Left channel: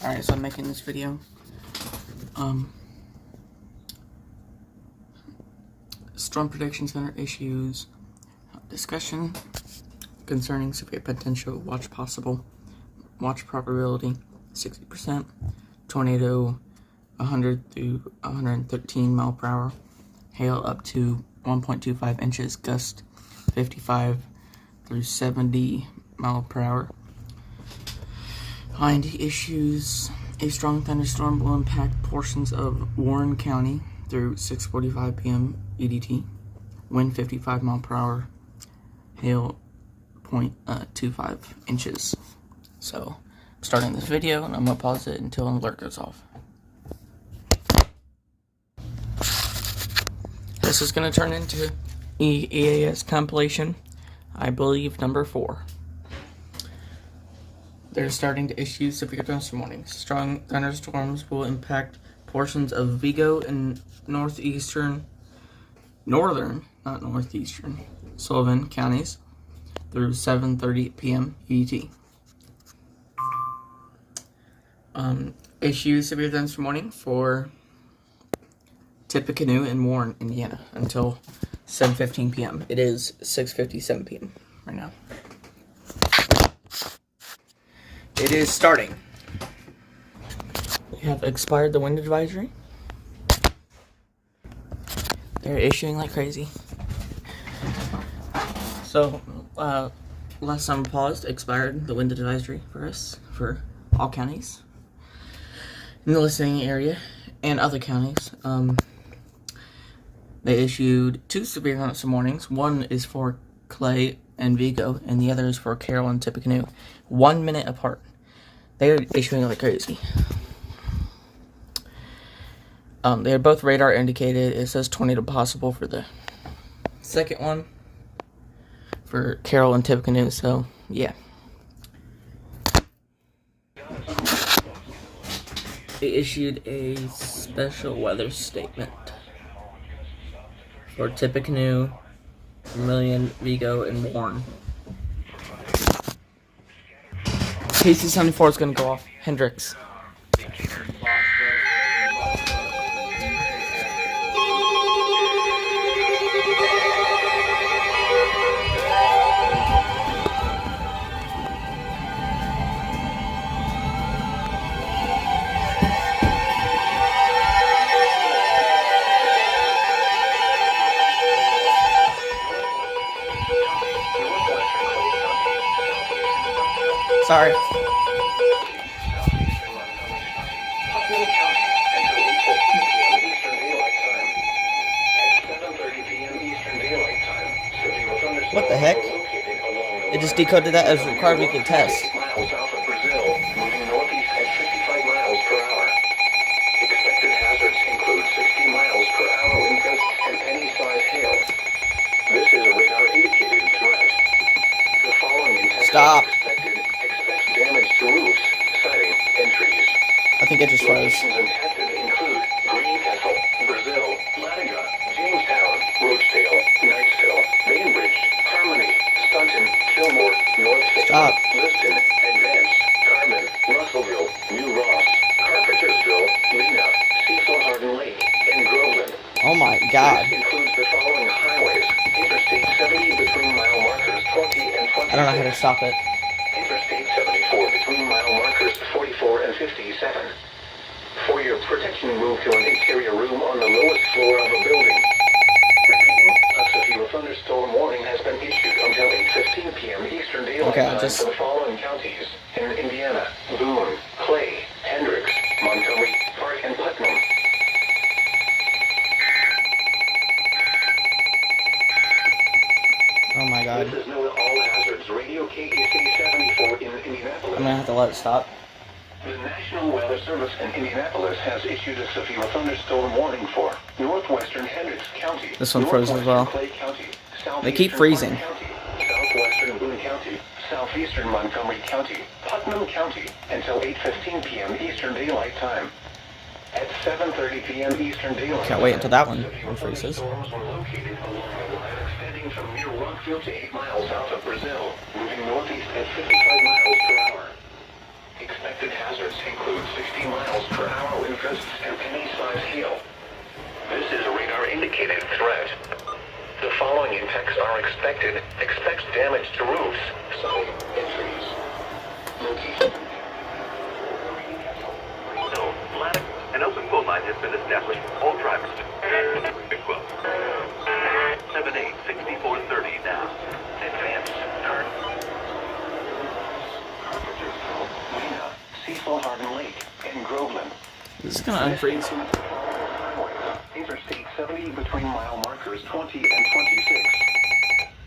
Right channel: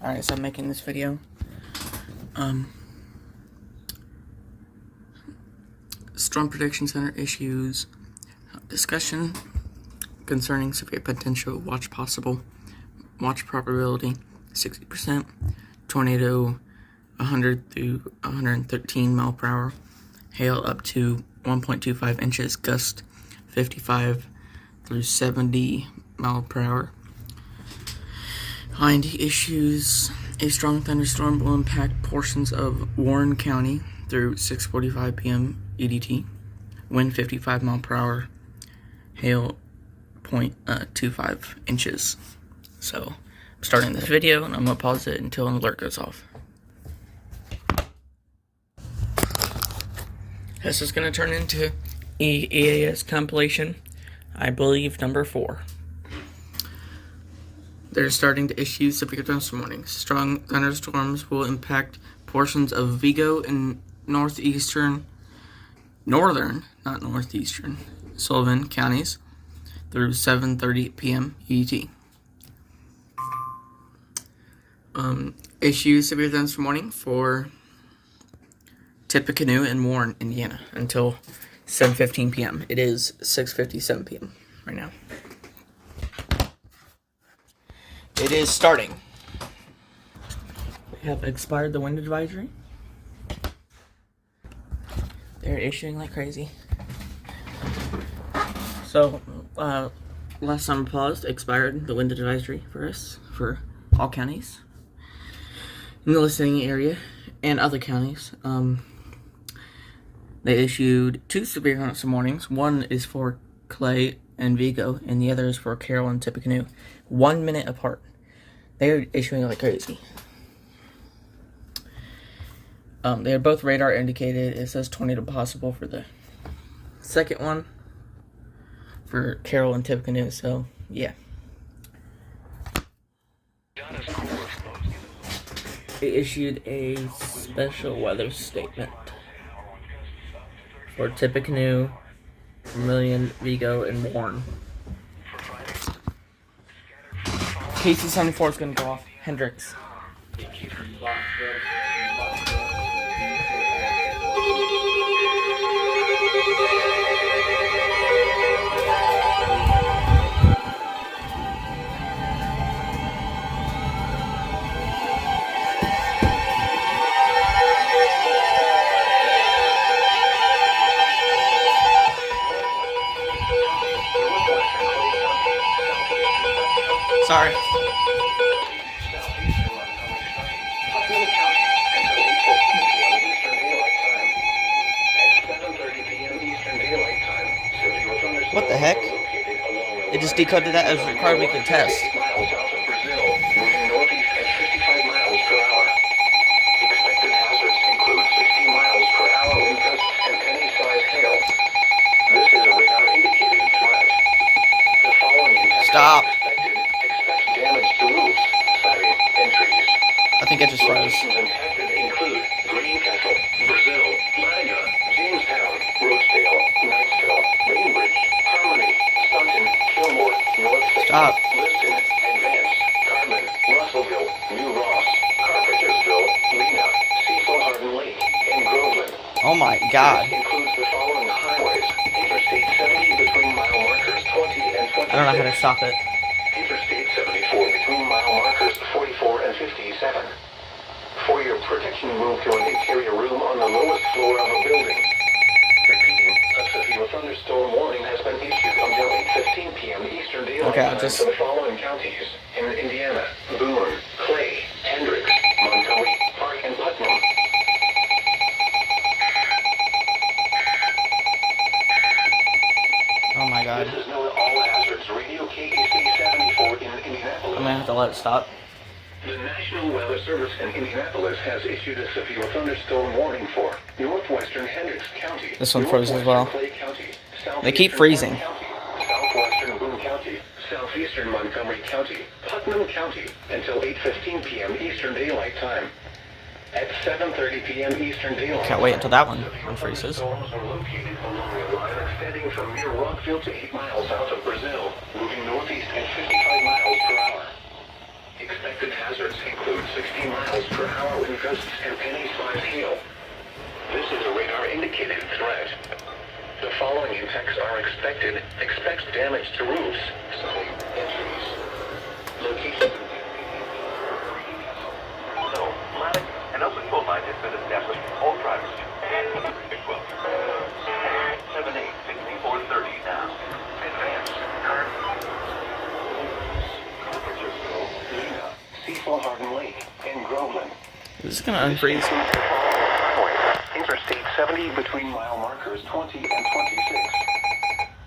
Alright, so I'm making this video. Storm Prediction Center issues discussion concerning severe potential, watch possible, watch probability 60%, tornado 100 through 113 mile per hour, hail up to 1.25 inches, gust 55 through 70 mile per hour. Behind issues, a strong thunderstorm will impact portions of Warren County through 6:45 p.m. EDT. Wind 55 mile per hour. Hail 0.25 inches. So, I'm starting this video and I'm going to pause it until an alert goes off. This is going to turn into EAS Compilation, I believe, number 4. They're starting to issue severe thunderstorm warnings. Strong thunderstorms will impact portions of Vigo and northern, not northeastern, Sullivan counties through 7:30 p.m. ET. Issue severe thunderstorm warning for Tippecanoe and Warren, Indiana until 7:15 p.m. It is 6:57 p.m. right now. It is starting. They have expired the wind advisory. They're issuing like crazy. So, last time I paused, expired the wind advisory for us, for all counties in the listening area and other counties. They issued 2 severe thunderstorm warnings. One is for Clay and Vigo, and the other is for Carroll and Tippecanoe. 1 minute apart. They're issuing like crazy. They're both radar indicated. It says tornado possible for the second one for Carroll and Tippecanoe, so yeah. They issued a special weather statement for Tippecanoe, Vermilion, Vigo, and Warren. PC-74 is going to go off. Hendrix. Sorry. What the heck? It just decoded that as required weekly test. Moving northeast at 55 miles per hour. Expected hazards include 60 miles per hour wind gusts and penny-sized hail. This is a radar-indicated threat. The following intensity Stop. Expect damage to roofs, siding, and trees. I think I just froze. Locations impacted include Greencastle, Brazil, Latinga, Jamestown, Rosedale, Knightsville, Bainbridge, Harmony, Stunton, Fillmore, North Stop. Liston, Advance, Carmen, Russellville, New Ross, Carpentersville, Lena, Cecil Hardin Lake, and Groveland. Oh my god. This includes the following highways: Interstate 70 between mile markers 20 and 26. I don't know how to stop it. Interstate 74 between mile markers 44 and 57. For your protection, move to an interior room on the lowest floor of a building. Repeating, a severe thunderstorm warning has been issued until 8:15 p.m. Eastern Daylight Time for the following counties in Indiana: Boone, Clay, Hendricks, Montgomery, Park, and Putnam. Oh my god. This is known all hazards radio KEC 74 in Indianapolis. I'm gonna have to let it stop. The National Weather Service in Indianapolis has issued a severe thunderstorm warning for northwestern Hendricks County. This one froze as well. Clay County, They keep freezing. County, southwestern Boone County, southeastern Montgomery County, Putnam County, until 8:15 p.m. Eastern Daylight Time. At 7:30 p.m. Eastern Daylight Can't wait until that one severe freezes. thunderstorms are located along a line extending from near Rockville to 8 miles south of Brazil, moving northeast at 55 miles per hour. Expected hazards include 60 miles per hour wind gusts and penny-sized hail. This is a radar-indicated threat. The following impacts are expected. Expect damage to roofs, siding, and trees. Location. An open quote line has been established. All drivers. 78-6430 now. Advance. Cecil Hardin Lake and Groveland. This is gonna unfreeze. Interstate 70 between mile markers 20 and 26.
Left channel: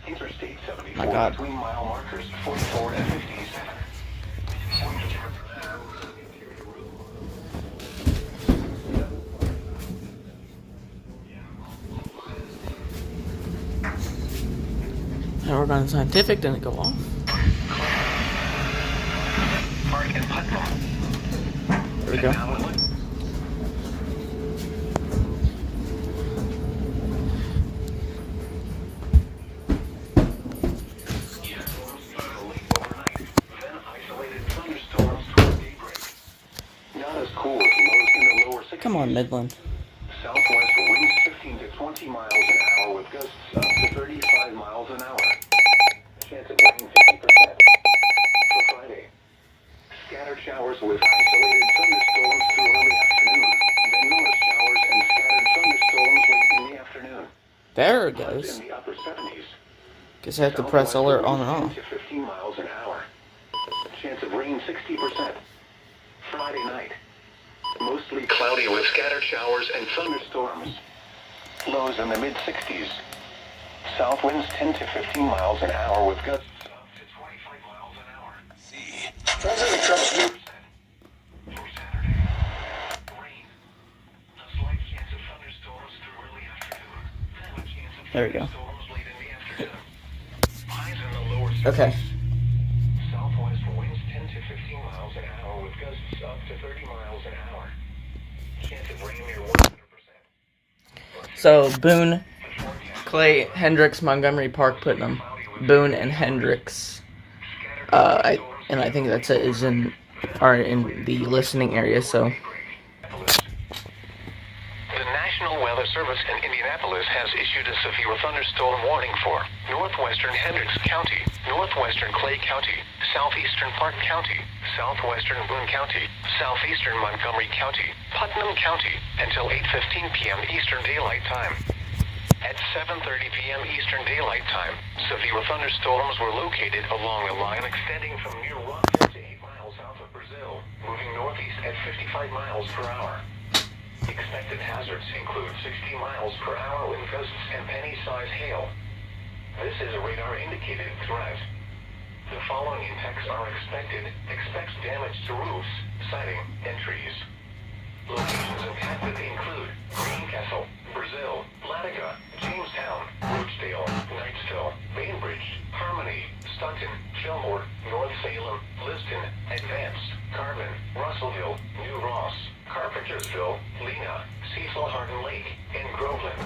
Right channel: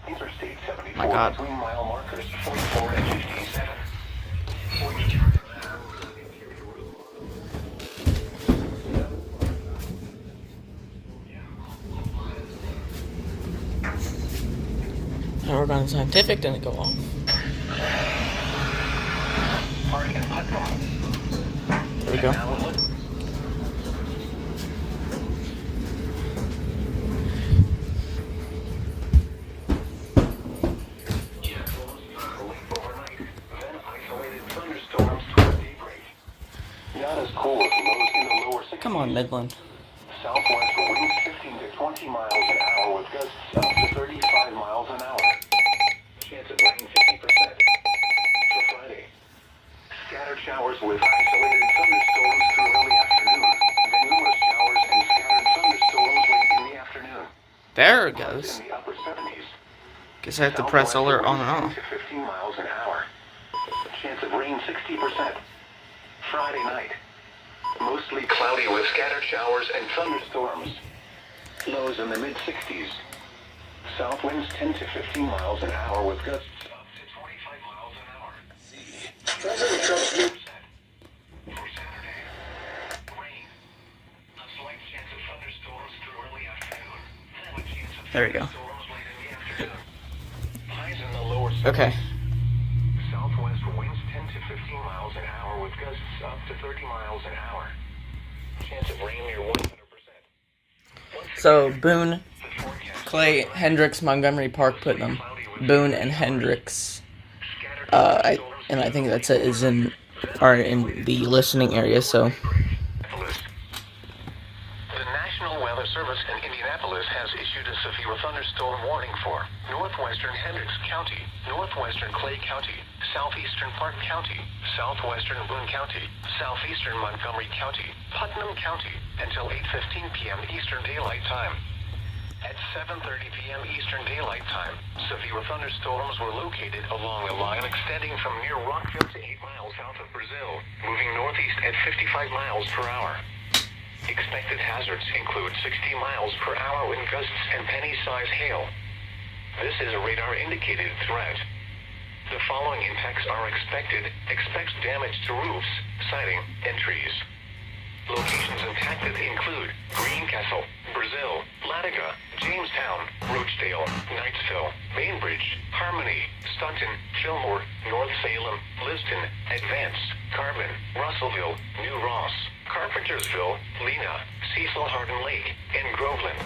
Interstate 74 My God. between mile markers 44 and 57. Power on scientific didn't go off. There we go. Then isolated thunderstorms toward daybreak. Not as cool as lows in the lower 60s. Come on, Midland. Southwest winds 15 to 20 miles an hour with gusts up to 35 miles an hour. Chance of rain 50%. For Friday, scattered showers with isolated thunderstorms through early afternoon. Then numerous showers and scattered thunderstorms late in the afternoon. There it goes. In the upper 70s. Guess I have to press alert on and off. 10 to 15 miles an hour. Chance of rain 60%. Friday night. Mostly cloudy with scattered showers and thunderstorms. Lows in the mid-60s. South winds 10 to 15 miles an hour with gusts up to 25 miles an hour. President Trump's new for Saturday. Rain. A slight chance of thunderstorms through early afternoon. Then a chance of There we go. thunderstorms late in the afternoon. Highs in the lower 60s. Okay. Southwest winds 10 to 15 miles an hour with gusts up to 30 miles an hour. Chance of rain near 100%. So Boone, Clay, Hendricks, Montgomery Park, Putnam, Boone, and Hendricks. I think that's it. Are in the listening area. So The National Weather Service in Indianapolis has issued a severe thunderstorm warning for northwestern Hendricks County, northwestern Clay County, southeastern Park County, southwestern Boone County, southeastern Montgomery County, Putnam County, until 8:15 p.m. Eastern Daylight Time. At 7:30 p.m. Eastern Daylight Time, severe thunderstorms were located along a line extending from near Rockville to 8 miles south of Brazil, moving northeast at 55 miles per hour. Expected hazards include 60 miles per hour wind gusts and penny-sized hail. This is a radar-indicated threat. The following impacts are expected. Expect damage to roofs, siding, and trees. Locations impacted include Greencastle, Brazil, Latiga, Jamestown, Roachdale, Knightsville, Bainbridge, Harmony, Staunton, Fillmore, North Salem, Liston, Advance, Carbon, Russellville, New Ross, Carpentersville, Lena, Cecil Hardin Lake, and Groveland.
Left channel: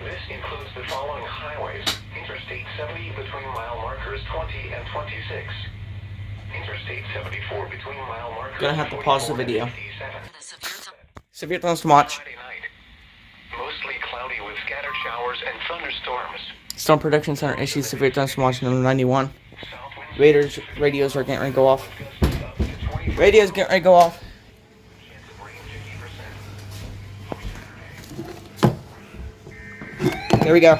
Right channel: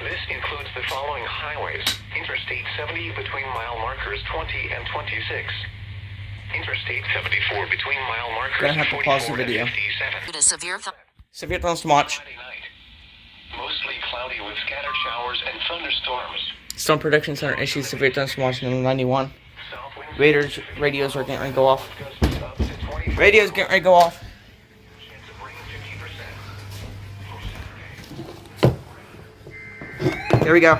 This includes the following highways: Interstate 70 between mile markers 20 and 26. Interstate 74 between mile markers Gonna have to pause the 44 and video. 57. severe thunderstorm watch. Friday night. Mostly cloudy with scattered showers and thunderstorms. Storm Prediction Center issues severe thunderstorm watch number 91. South winds Radios are getting ready to go off. gusts up to 25 Radios getting ready to go off. chance of rain 50%. For Saturday. Here we go.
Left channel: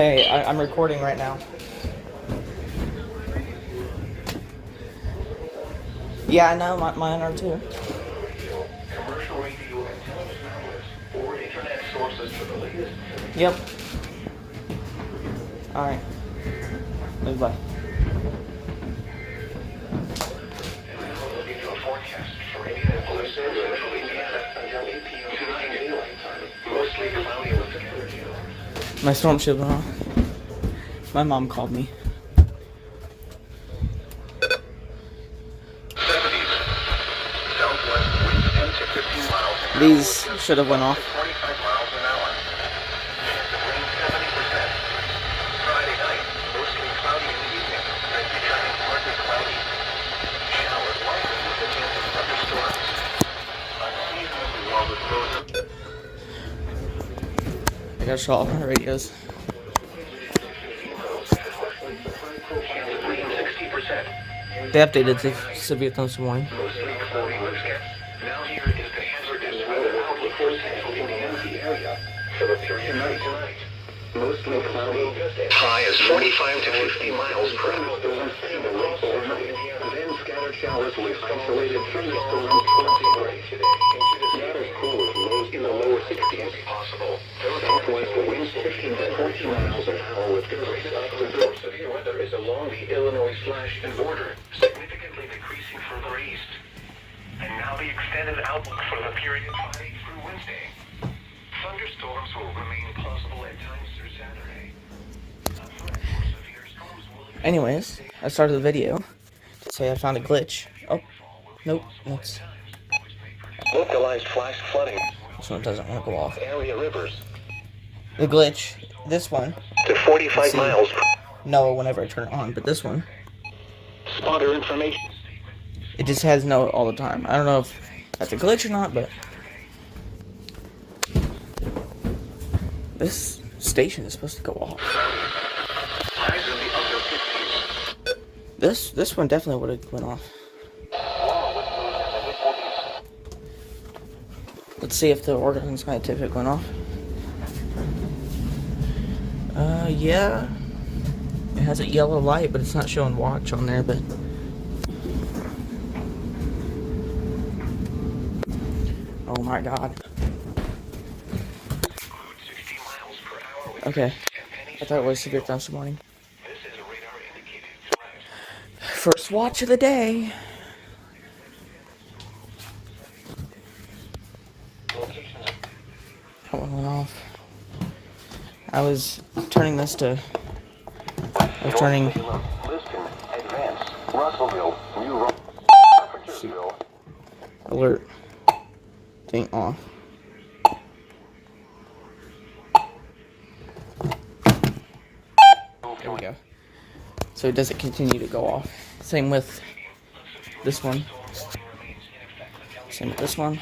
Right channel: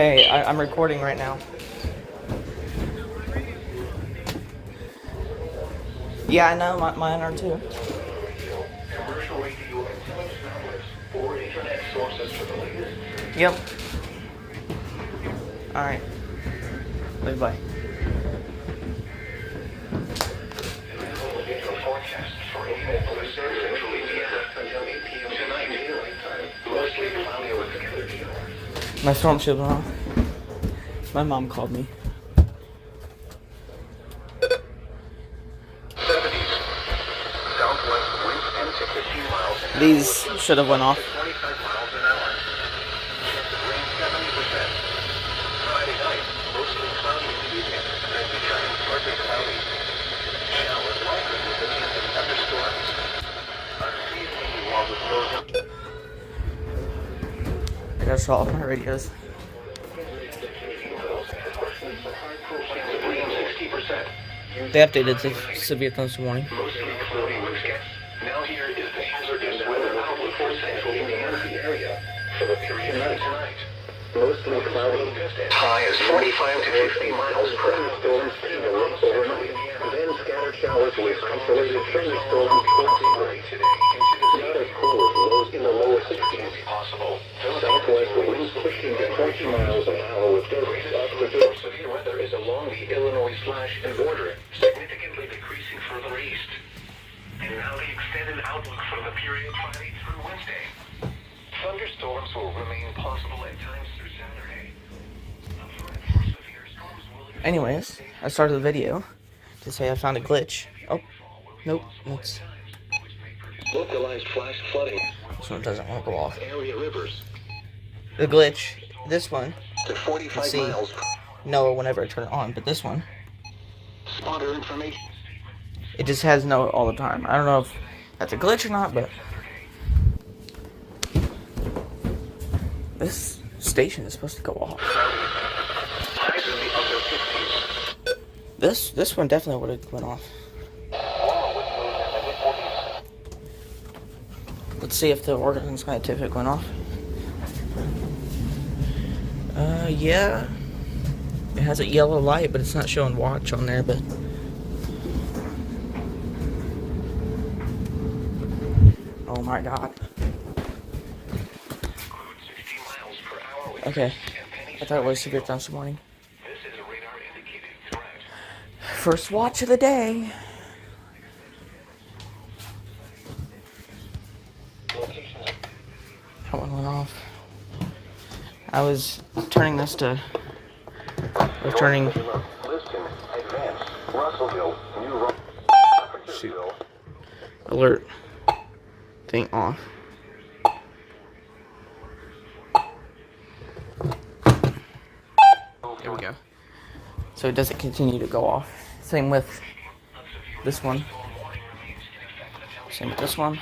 Hey, I'm recording right now. Yeah, I know, mine are too. Commercial radio and television outlets or internet sources for the latest. Yep. Alright. Bye. Forecast for Indianapolis and central Indiana until 8 p.m. tonight daylight time. Mostly cloudy with scattered showers. My storm signal off. My mom called me. 70s. Southwest winds 10 to 15 miles an hour. These should have went off. 25 miles an hour. Chance of rain 70%. Friday night, mostly cloudy in the evening, and becoming partly cloudy. Showers likely with a chance of thunderstorms. Unseasonably warm with frozen. That's all my radios. Chance of rain 60%. They updated the severe thunderstorm warning. Mostly cloudy with scats. Now here is the hazardous weather outlook for central Indiana area for the period of tonight. Mostly cloudy. High is 45 to 50 miles per hour. Across central Indiana. Then scattered showers with isolated thunderstorms 20 today. Into the southern cold lows in the lower 60s. Possible. Southwest winds 15 to 30 miles an hour with gusts up to severe weather is along the Illinois/and border, significantly decreasing further east. And now the extended outlook for the period Friday through Wednesday. Thunderstorms will remain possible at times through Saturday. Anyways, I started the video to say I found a glitch. Oh, nope, that's... Localized flash flooding. This one doesn't want to go off. Area rivers The glitch, this one, to 45 see. miles. no whenever I turn it on, but this one, Spotter information. it just has no all the time. I don't know if that's a glitch or not, but this station is supposed to go off. Highs in the upper 60s. This one definitely would have went off. Let's see if the Oregon Scientific went off. Yeah. It has a yellow light, but it's not showing watch on there, but... Oh my god. 60 miles per hour with Okay. I thought it was severe thunderstorm warning. this is a radar indicated threat. First watch of the day. That one went off. I was turning this to... I was turning... Liston, Advance, Russellville, New Shoot. Alert thing off. There we go. So it doesn't continue to go off. Same with this one. Same with this one.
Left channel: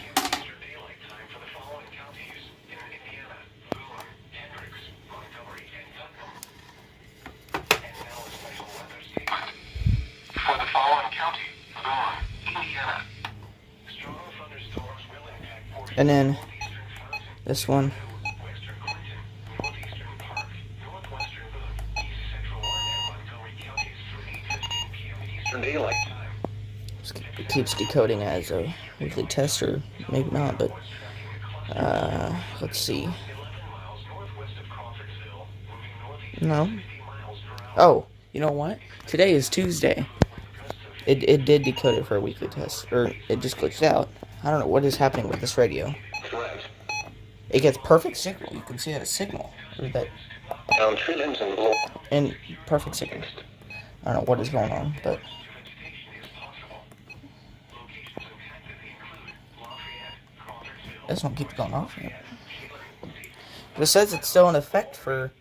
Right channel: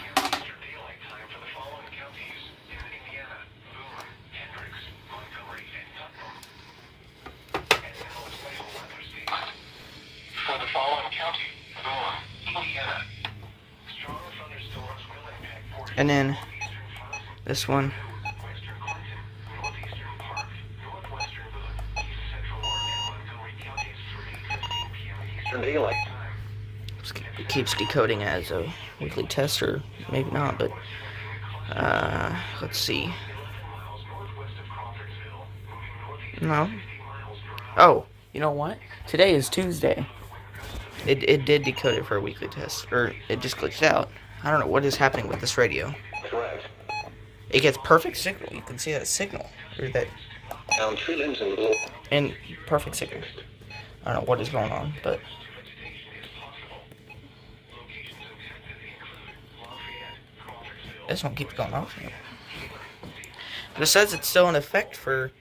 For the following county, Indiana. Strong thunderstorms will impact portions And then of eastern Wisconsin, this one. western Clinton, northeastern Park, northwestern Boone, east central Warren, and Montgomery counties through 8:15 p.m. Eastern Daylight Time. It keeps decoding as a weekly test, or maybe not, but let's see. No. Oh, you know what? Today is Tuesday. It did decode it for a weekly test, or it just glitched out. I don't know what is happening with this radio. Correct. It gets perfect signal. You can see that signal, or that Down tree limbs and low. and perfect signal. I don't know what is going on, but this one keeps going off. But it says it's still in effect for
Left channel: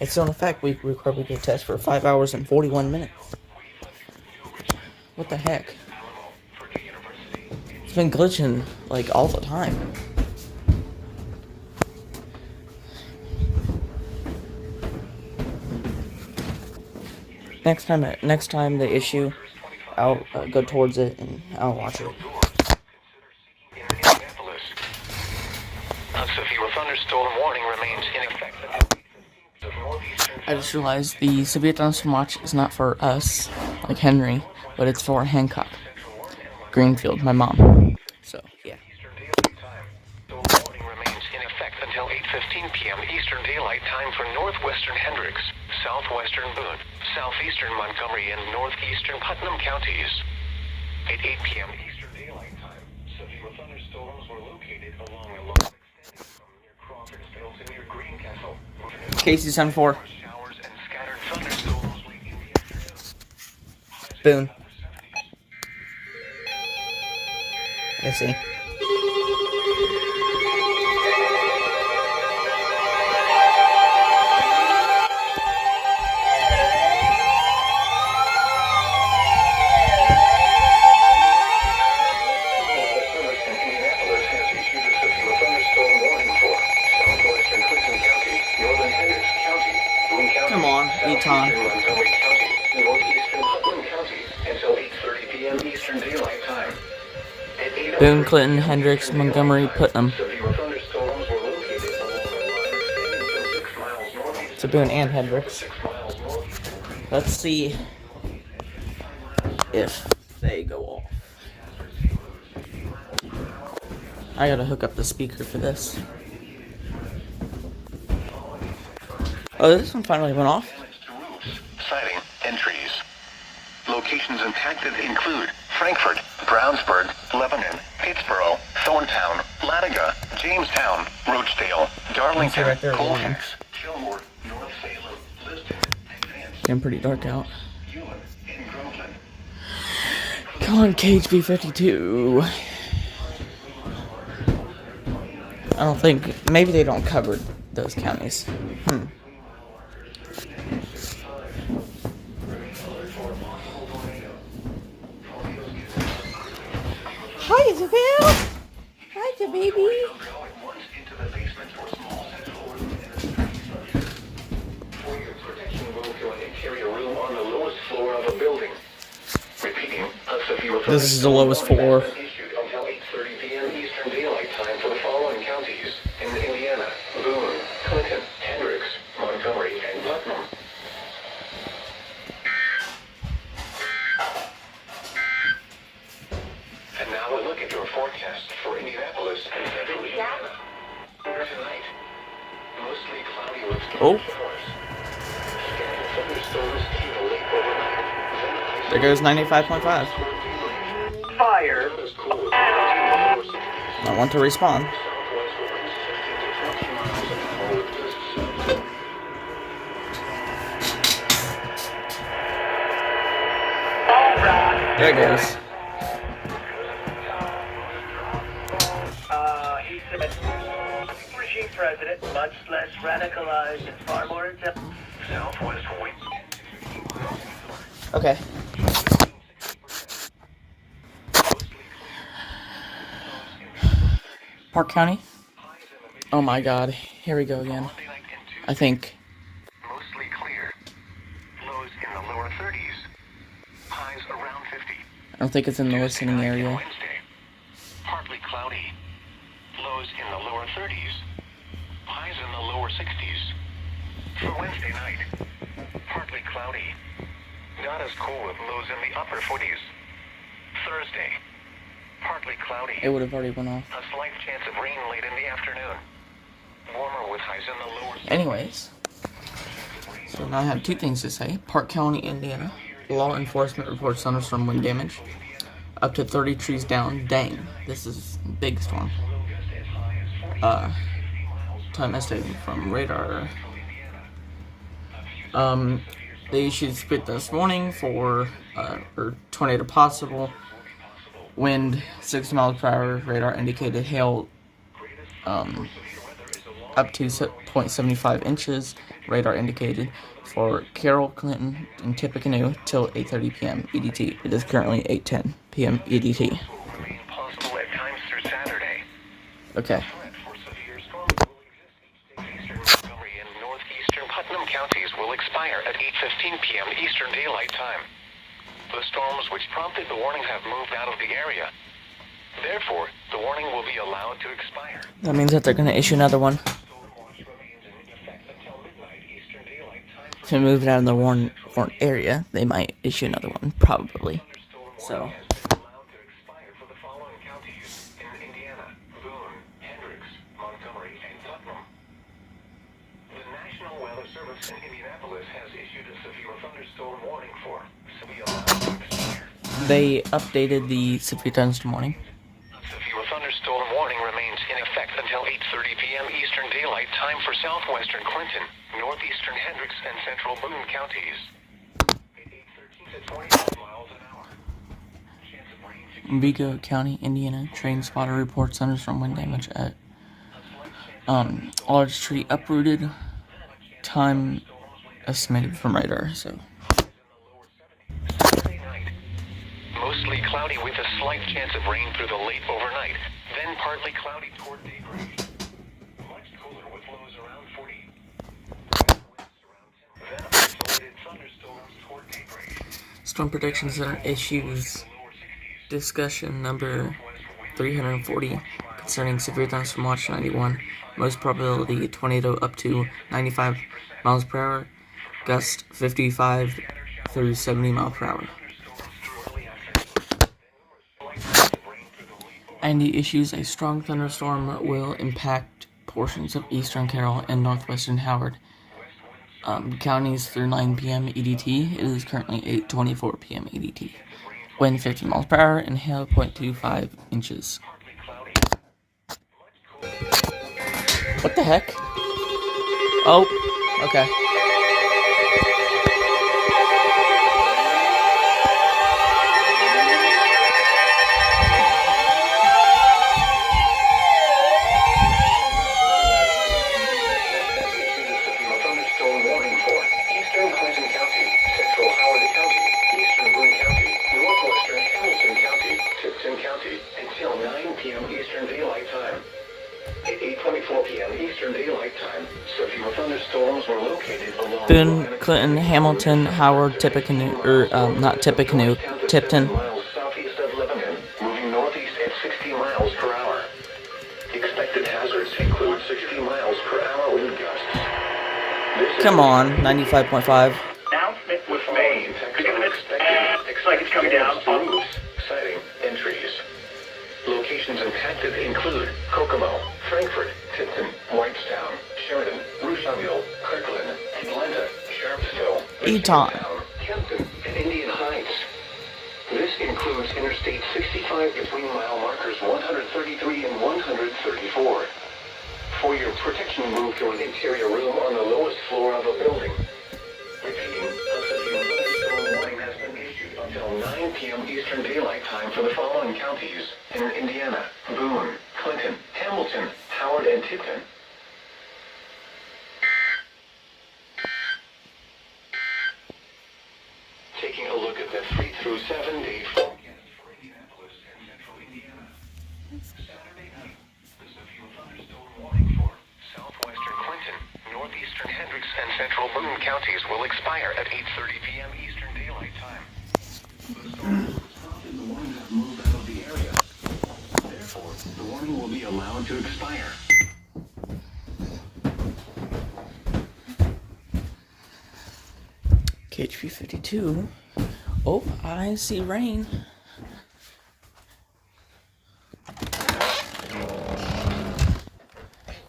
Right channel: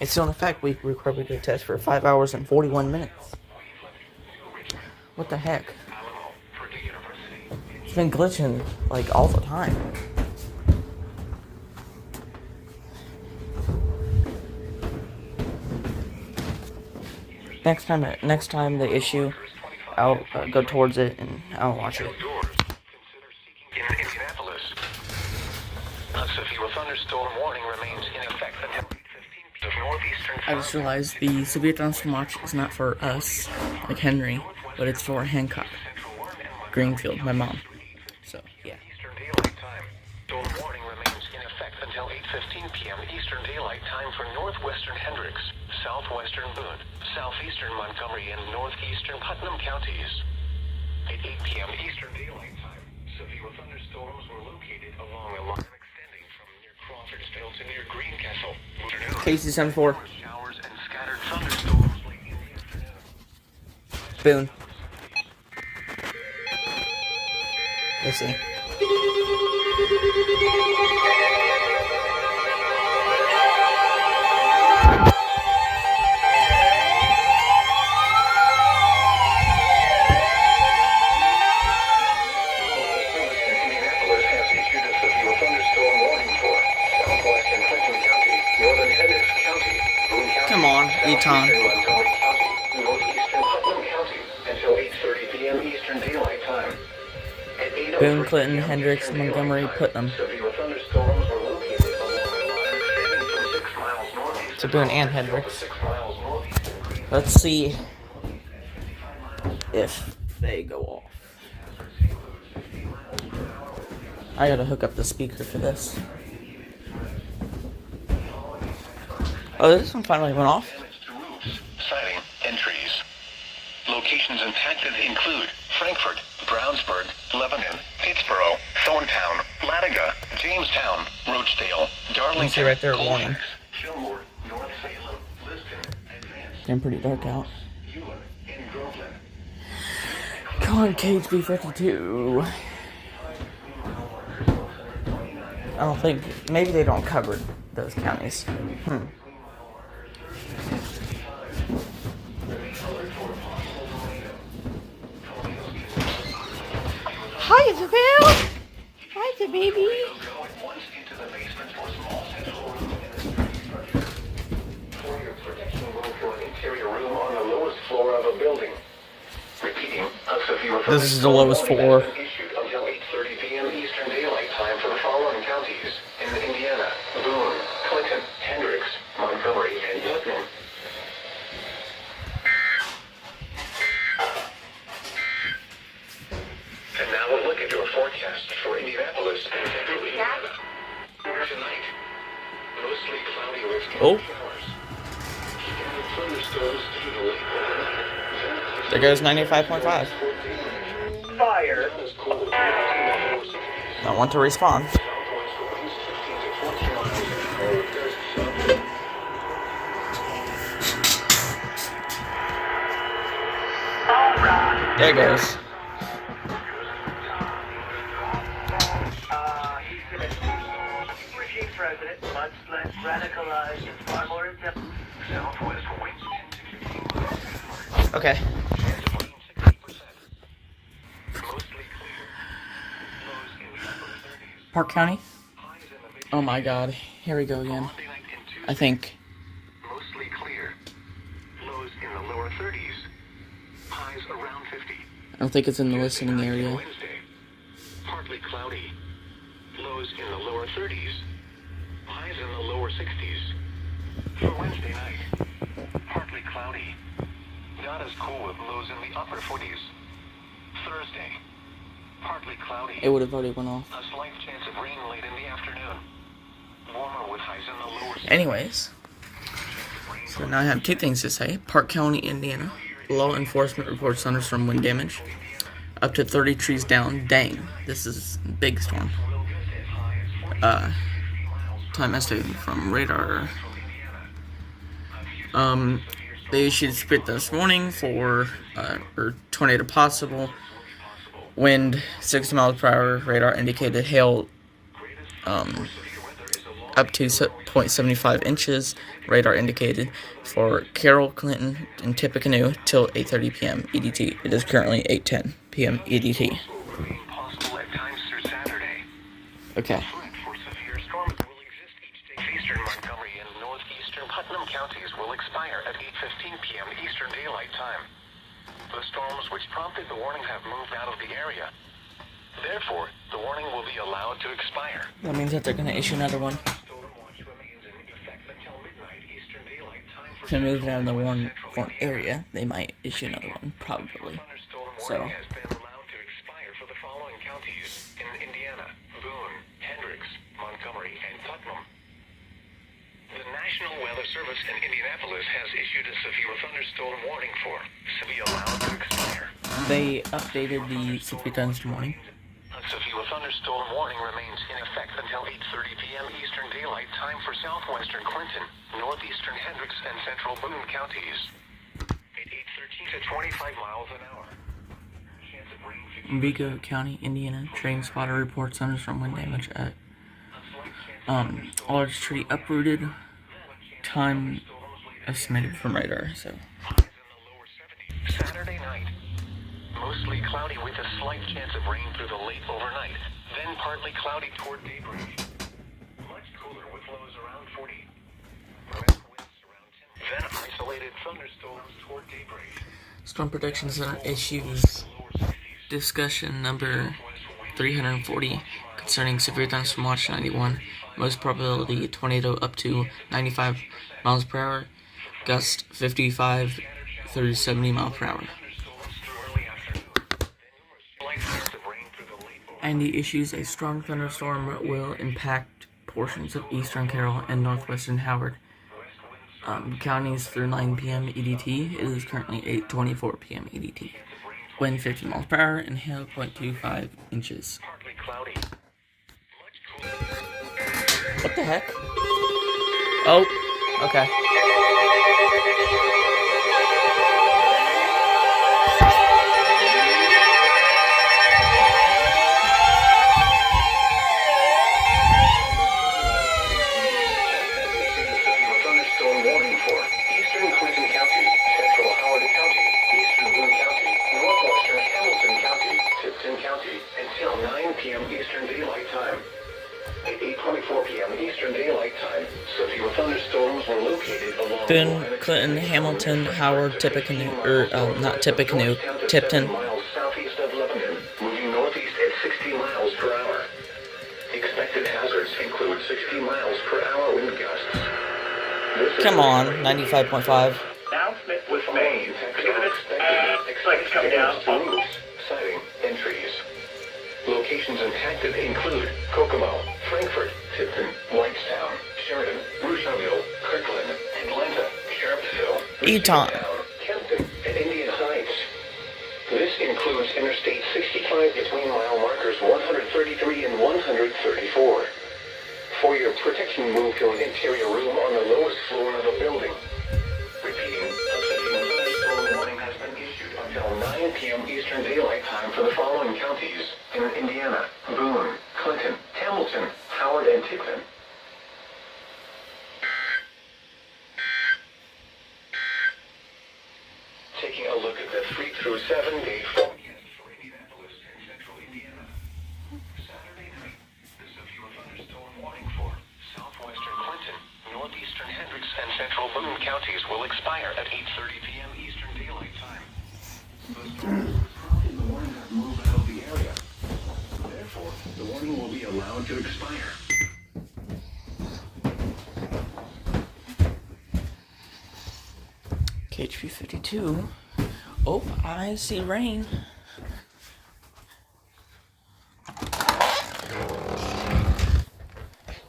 it's still in effect. We recorded the test for 5 hours and 41 minutes. What the heck? It's been glitching like all the time. Next time they issue, I'll go towards it and I'll watch it. In Indianapolis. A severe thunderstorm warning remains in effect until 8:15 p.m. I just realized the severe thunderstorm watch is not for us, like Henry, but it's for Hancock, Greenfield, my mom. So, yeah. Eastern Daylight Time. The warning remains in effect until 8:15 p.m. Eastern Daylight Time for northwestern Hendricks, southwestern Boone, southeastern Montgomery, and northeastern Putnam counties. At 8 p.m. Eastern Daylight Time, severe thunderstorms were located along a line extending from near Crawfordsville to near Greencastle. KC-74. Showers and scattered thunderstorms late in the afternoon. Boone. Let's see. Indianapolis has issued a severe thunderstorm warning for southwestern Clinton County, northern Hendricks County, Boone County, Come on, Eton. southeastern Montgomery County, northeastern Putnam County, until 8:30 p.m. Eastern Daylight Time. At 8:03 Boone, Clinton, p.m. Hendricks, Eastern Montgomery, Daylight Time, Putnam. severe thunderstorms were located along a line extending from 6 miles northeast To Boone and Hendricks. 6 miles northeast of Green. Let's see if they go off. I gotta hook up the speaker for this. Oh, this one finally went off. Sighting and trees. Locations impacted include Frankfort, Brownsburg, Lebanon, Pittsboro, Thorntown, Latiga, Jamestown, Roachdale, Darlington, right there, Colfax, warning. Fillmore, North Salem, Lisbon, Advance, Getting pretty dark out. Ewan, and Groveland. Come on, KHB52. I don't think, maybe they don't cover those counties. Hi, Isabel. Hi, the baby. Once into the basement for small central. For your protection, move to an interior room on the lowest floor of a building. Repeating, a severe This is the lowest warning floor. has been issued until 8:30 p.m. Eastern Daylight Time for the following counties in Indiana: Boone, Clinton, Hendricks, Montgomery, and Putnam. And now a look at your forecast for Indianapolis and St. Louis. Tonight, mostly cloudy with Oh. showers. Scattered thunderstorms through the late overnight. There goes 95.5. Fire. As cool as the lower 60s. I want to respawn. Southwest winds 15 to 20 miles an hour. There it goes. He said, regime president, much less radicalized and far more intelligent. Southwest winds. Okay. Park County? Oh my god. Here we go again. I think. Mostly clear. Lows in the lower 30s. Highs around 50. I think it's in the listening area. Wednesday. Partly cloudy. Lows in the lower 30s. Highs in the lower 60s. For Wednesday night. Partly cloudy. Not as cool with lows in the upper 40s. Thursday. Partly cloudy. It would have already went off. A slight chance of rain late in the afternoon. Warmer with highs in the lower 60s. Anyways. So now I have two things to say. Park County, Indiana. Law enforcement reports thunderstorm wind damage. Up to 30 trees down. Dang. This is a big storm. Time estimated from radar. They issued a spit this morning for or tornado possible. Wind 60 miles per hour. Radar indicated hail up to 0.75 inches. Radar indicated for Carroll, Clinton, and Tippecanoe till 8:30 p.m. EDT. It is currently 8:10 p.m. EDT. Possible at times through Saturday. Okay. Threat for severe storms will exist each day. Eastern Montgomery and northeastern Putnam counties will expire at 8:15 p.m. Eastern Daylight Time. The storms which prompted the warning have moved out of the area. Therefore, the warning will be allowed to expire. That means that they're going to issue another one. Storm watch remains in effect until midnight Eastern Daylight Time if we move it out of the warn area, they might issue another one, probably. So. The National Weather Service in Indianapolis has issued a severe thunderstorm warning for severe allowed to expire. They updated the severe thunderstorm warning. A severe thunderstorm warning remains in effect until 8:30 p.m. Eastern Daylight Time for southwestern Clinton, northeastern Hendricks, and central Boone counties. At 8:13 to 25 miles an hour. Chance of rain. Vigo County, Indiana, train spotter reports thunderstorm wind damage at large tree uprooted. Time estimated from radar. So. Saturday night. Mostly cloudy with a slight chance of rain through the late overnight, then partly cloudy toward daybreak. Much cooler with lows around 40. Then isolated thunderstorms toward daybreak. Storm Protection Center issues discussion number 340 concerning severe thunderstorm watch 91. Most probability tornado up to 95 miles per hour, gust 55 through 70 miles per hour. And the issues a strong thunderstorm will impact portions of eastern Carroll and northwestern Howard counties through 9 p.m. EDT. It is currently 8:24 p.m. EDT. Wind 50 miles per hour and hail 0.25 inches. What the heck? Oh, okay. Thunderstorm warning for eastern Clinton County, central Howard County, eastern Boone County, northwestern Hamilton County, Tipton County, until 9 p.m. Eastern Daylight Time. At 8:24 p.m. Eastern Daylight Time, severe thunderstorms were located along Boone, Clinton, Hamilton, Howard, Tippecanoe, not Tippecanoe, Tipton. miles southeast of Lebanon, moving northeast at 60 miles per hour. Expected hazards include 60 miles per hour wind gusts. Come on, 95.5. Announcement was made. Because of it, looks like it's coming down. Roofs, siding, and trees. Locations impacted include Kokomo, Frankfort, Tipton, Whitestown, Sheridan, Rushville, Kirkland, Atlanta, Sharpsville, Eton, Kempton, and Indian Heights. This includes Interstate 65 between mile markers 133 and 134. For your protection, move to an interior room on the lowest floor of a building. Repeating, a severe thunderstorm warning has been issued until 9 p.m. Eastern Daylight Time for the following counties in Indiana: Boone, Clinton, Hamilton, Howard, and Tipton. Taking a look at the 3 through 7-day forecast for Indianapolis and central Indiana. Saturday night, the severe thunderstorm warning for southwestern Clinton, northeastern Hendricks, and central Boone counties will expire at 8:30 p.m. Eastern Daylight Time. The warning has moved out of the area. Therefore, the warning will be allowed to expire. KHP 52. Oh, I see rain.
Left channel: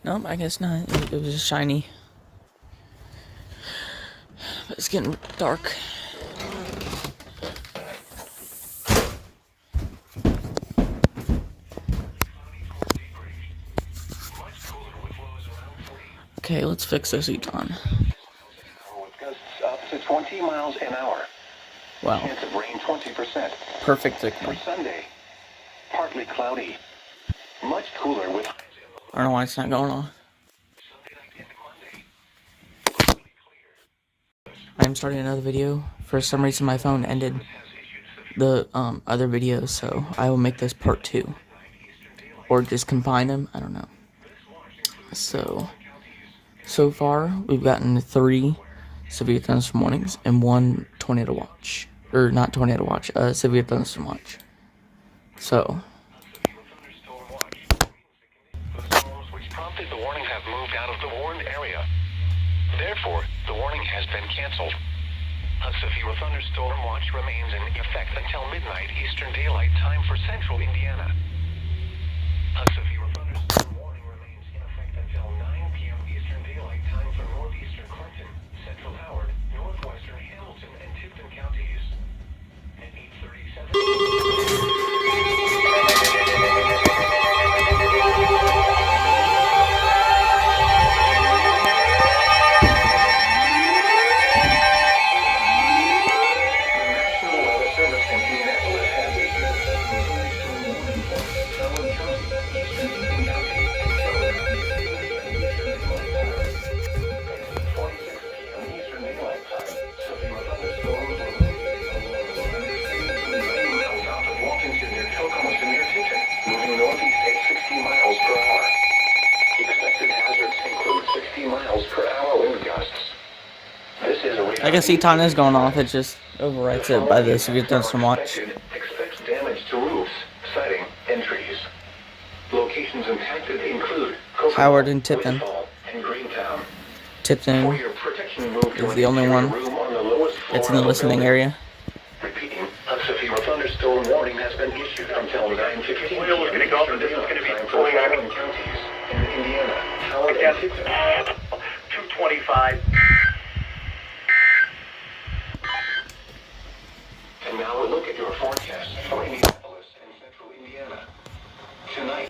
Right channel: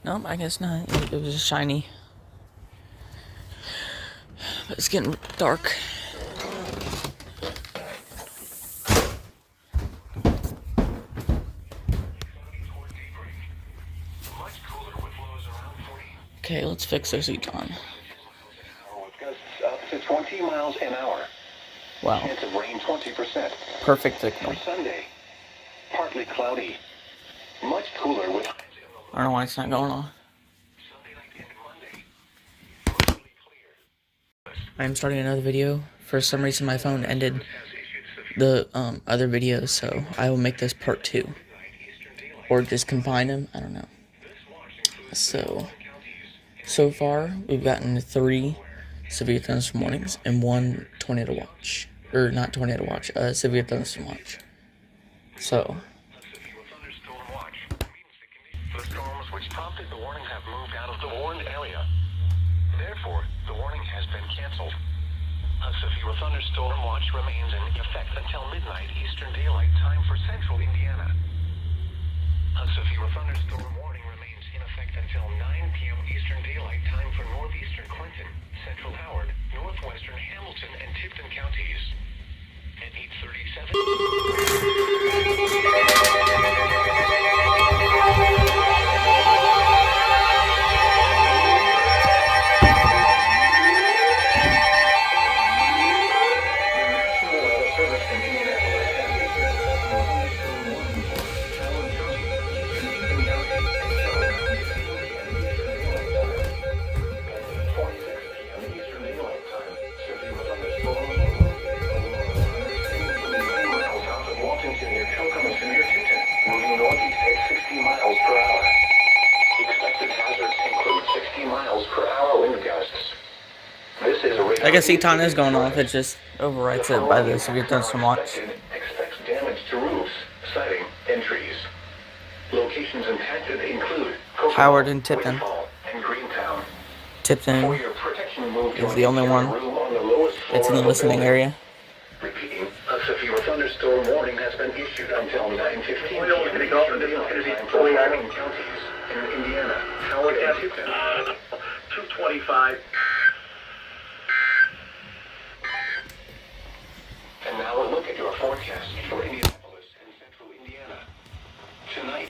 Nope, I guess not. It was just shiny. But it's getting dark. Okay, let's fix this Eton. Up to 20 miles an hour. Wow. Chance of rain 20%. Perfect signal. For Sunday, partly cloudy. Much cooler with. I don't know why it's not going on. I'm starting another video. For some reason my phone ended the other videos, so I will make this part 2. Or just combine them, I don't know. So far, we've gotten 3 severe thunderstorm warnings and 1 tornado watch. Or not tornado watch, severe thunderstorm watch. So. The storms which prompted the warning have moved out of the warned area. Therefore, the warning has been canceled. canceled. A severe thunderstorm watch remains in effect until midnight Eastern Daylight Time for central Indiana. A severe thunderstorm warning remains in effect until 9 p.m. Eastern Daylight Time for northeastern Clinton, central Howard, northwestern Hamilton, and Tipton counties. At 8:37. Northeast at 60 miles per hour. Expected hazards include 60 miles per hour wind gusts. This is I can see ton is going off. It just overwrites it by the severe thunderstorm watch. Expects damage to roofs, siding, and trees. Locations impacted include Howard and Tipton. and Greentown. Tipton is the only one. It's in the listening area. Repeating, a severe thunderstorm warning has been issued until 9:15 p.m. Eastern Daylight Time for the following counties in Indiana, Howard, and Tipton. 225. And now a look at your forecast for Indianapolis and central Indiana. Tonight.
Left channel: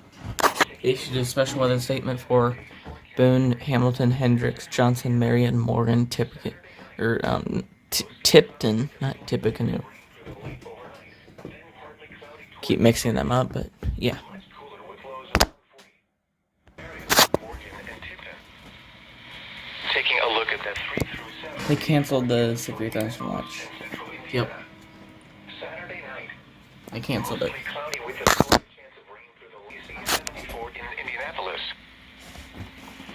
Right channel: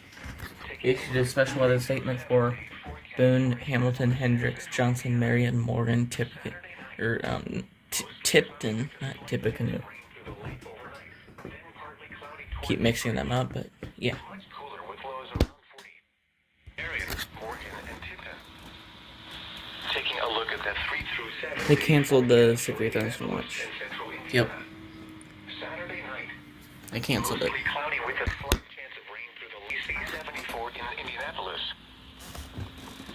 Issued a special weather statement for Boone, Hamilton, Hendricks, Johnson, Marion, Morgan, Tipton, not Tippecanoe. Keep mixing them up, but yeah. Taking a look at the 3 through 7. They canceled the severe thunderstorm watch. Yep. Saturday night. I canceled it. Cloudy with a slight chance of rain through the EAS 74 in Indianapolis.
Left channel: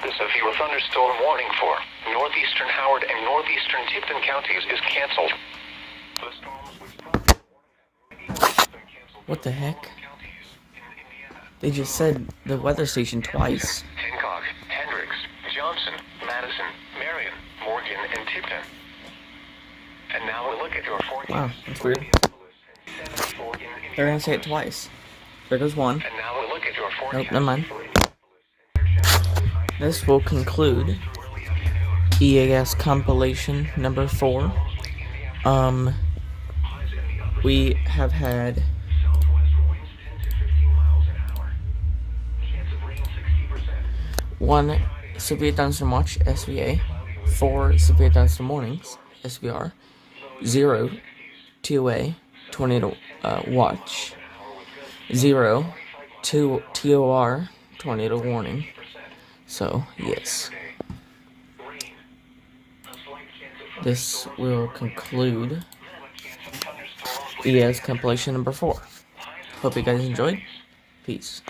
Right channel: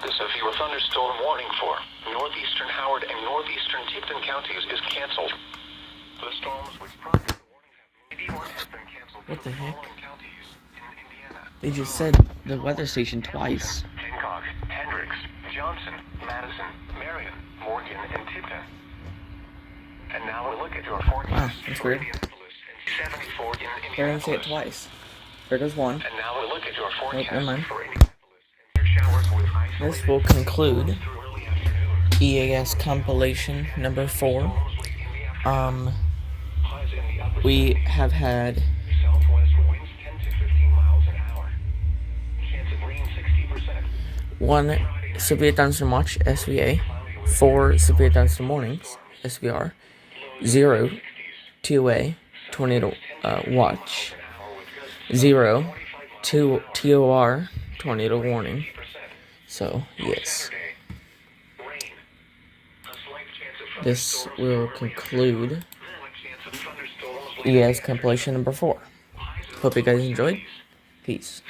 The severe thunderstorm warning for northeastern Howard and northeastern Tipton counties is canceled. The storms with proper warning have been canceled. What the heck? Counties in Indiana. They just said the weather station twice. Hancock, Hendricks, Johnson, Madison, Marion, Morgan, and Tipton. And now we'll look at your forecast. Wow, that's weird. 74 in They're gonna say it twice. There goes one. And now we'll look at your forecast. Nope, never mind. For Indianapolis. This will conclude EAS Compilation number 4. We have had Southwest winds 10 to 15 miles an hour. Chance of rain 60%. 1 severe thunderstorm watch, SVA, 4 severe thunderstorm warnings, SVR, 0 TOA, tornado watch, 0 TOR, tornado warning. So, yes. This will conclude EAS Compilation number 4. Hope you guys enjoyed. Peace.